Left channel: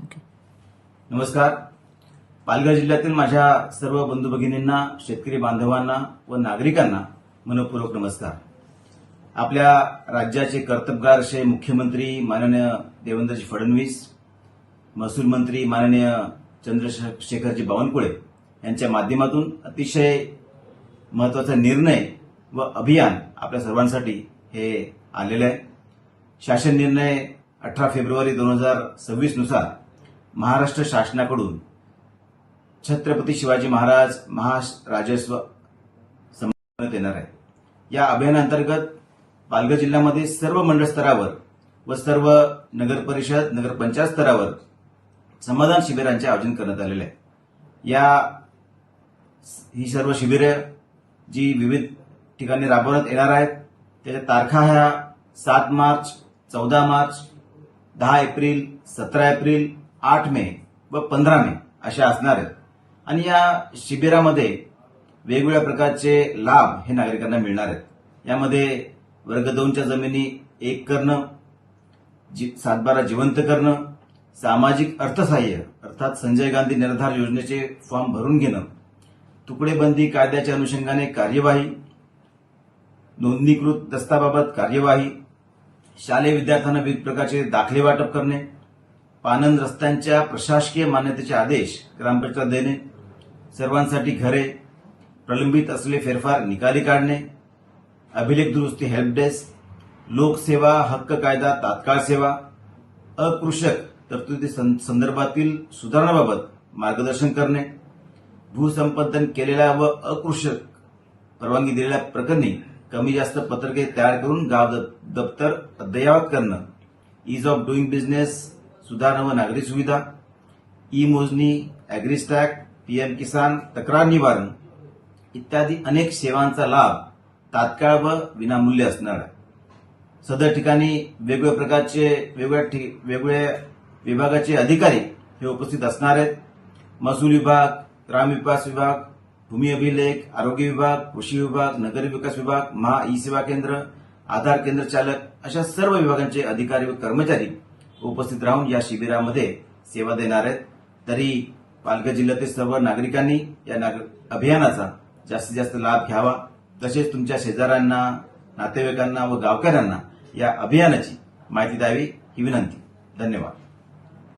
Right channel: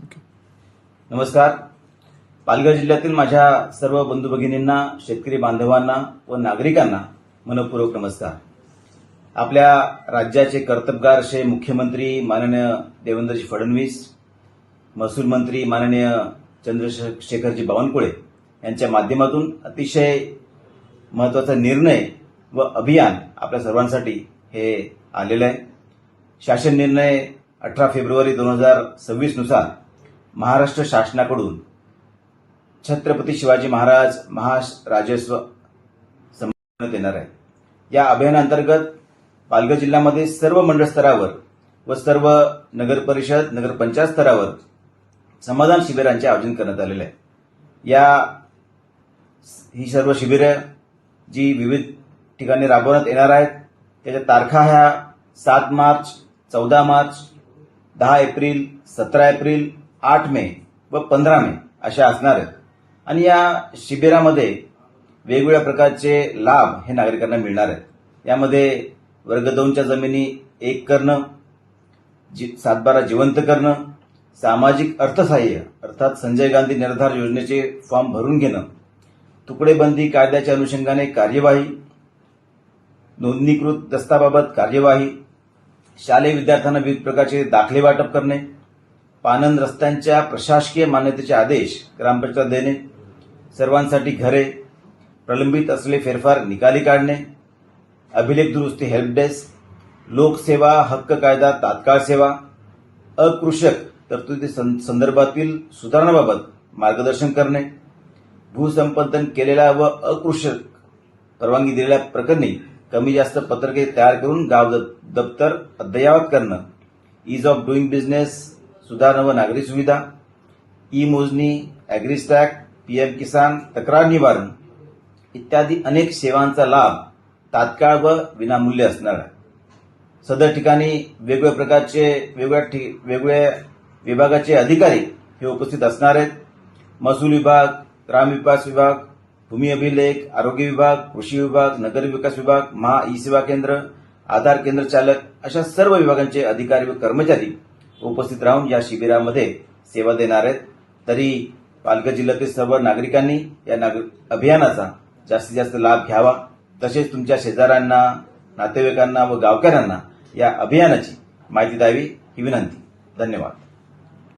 नमस्कार. पालघर जिल्ह्यातील माझ्या सर्व बंधू भगिनींना, शेतकरी बांधवांना व नागरिकांना मनपूर्वक नमस्कार. आपल्या राज्याचे कर्तबगार असे मुख्यमंत्री माननीय देवेंद्रजी फडणवीस, महसूल मंत्री माननीय चंद्रशेखरजी बावनकुळे यांच्या माध्यमातून अतिशय महत्वाचा निर्णय व अभियान आपल्या सर्वांसाठी हे आलेलं आहे. शासन निर्णय 18 फेब्रुवारी 2026 नुसार महाराष्ट्र शासनाकडून छत्रपती शिवाजी महाराज महाराजस्व संपन्नात येणार आहे. या अभियानांतर्गत पालघर जिल्ह्यामध्ये सर्व मंडळ स्तरावर व सर्व नगर परिषद नगरपंचायत स्तरावर समाधान शिबिरांचे आयोजन करण्यात आलेले आहे. ही सर्व शिबिरे जी विविध ठिकाणी राबवण्यात येणार आहेत त्याच्या तारखा ह्या 7 मार्च, 14 मार्च, 10 एप्रिल, 17 एप्रिल, 8 मे व 15 मे अशा असणार आहेत. आणि या शिबिरामध्ये वेगवेगळ्या प्रकारचे लाभ हे नागरिकांना मिळणार आहेत. यामध्ये वर्ग 2च्या जमिनी 1 करणं, 7/12 जिवंत करणं, सामाजिक अर्थसहाय्य अर्थात संजय गांधी निर्धार योजनेचे फॉर्म भरून घेणं, तुकडेबंदी कायद्याच्या अनुषंगाने कार्यवाही, नोंदणीकृत दस्ताबाबत कार्यवाही, शालेय विद्यार्थ्यांना विविध प्रकारचे दाखले वाटप करणे, पानंद रस्त्यांच्या प्रशासकीय मान्यतेचे आदेश ग्रामपंचायत देणे, सर्वांसाठी घरे, प्रलंबित असलेले फेरफार निकाली काढणे, अभिलेख दुरुस्ती हेल्प डेस्क, लोकसेवा हक्क कायदा तात्काळ सेवा, अकृषक तरतुदी संदर्भातील सुधारणाबाबत मार्गदर्शन करणे, भूसंपादन केलेल्या व अकृषक परवानगी दिलेल्या प्रकरणी कमी जास्त पत्रके तयार करून गाव दप्तर अद्ययावत करणं, ईज ऑफ डुईंग बिझनेस सुधारणा व नागरी सुविधा, ई मोजणी, अॅग्रिस्टॅक, पीएम किसान, तक्रार निवारण इत्यादी अनेक सेवांचा लाभ तात्काळ व विनामूल्य असणार आहे. सदर ठिकाणी वेगवेगळ्या प्रकारचे वेगवेगळ्या विभागाचे अधिकारी हे उपस्थित असणार आहेत. महसूल विभाग, ग्रामविकास विभाग, भूमी अभिलेख, आरोग्य विभाग, कृषी विभाग, नगर विकास विभाग, महा ई सेवा केंद्र, आधार केंद्र चालक अशा सर्व विभागांचे अधिकारी व कर्मचारी उपस्थित राहून या शिबिरामध्ये सेवा देणार आहेत. तरी पालघर जिल्ह्यातील सर्व नागरिकांनी या अभियानाचा जास्तीत जास्त लाभ घ्यावा. तसेच तुमच्या शेजाऱ्यांना, नातेवाईकांना व गावकऱ्यांना या अभियानाची माहिती द्यावी ही विनंती. धन्यवाद.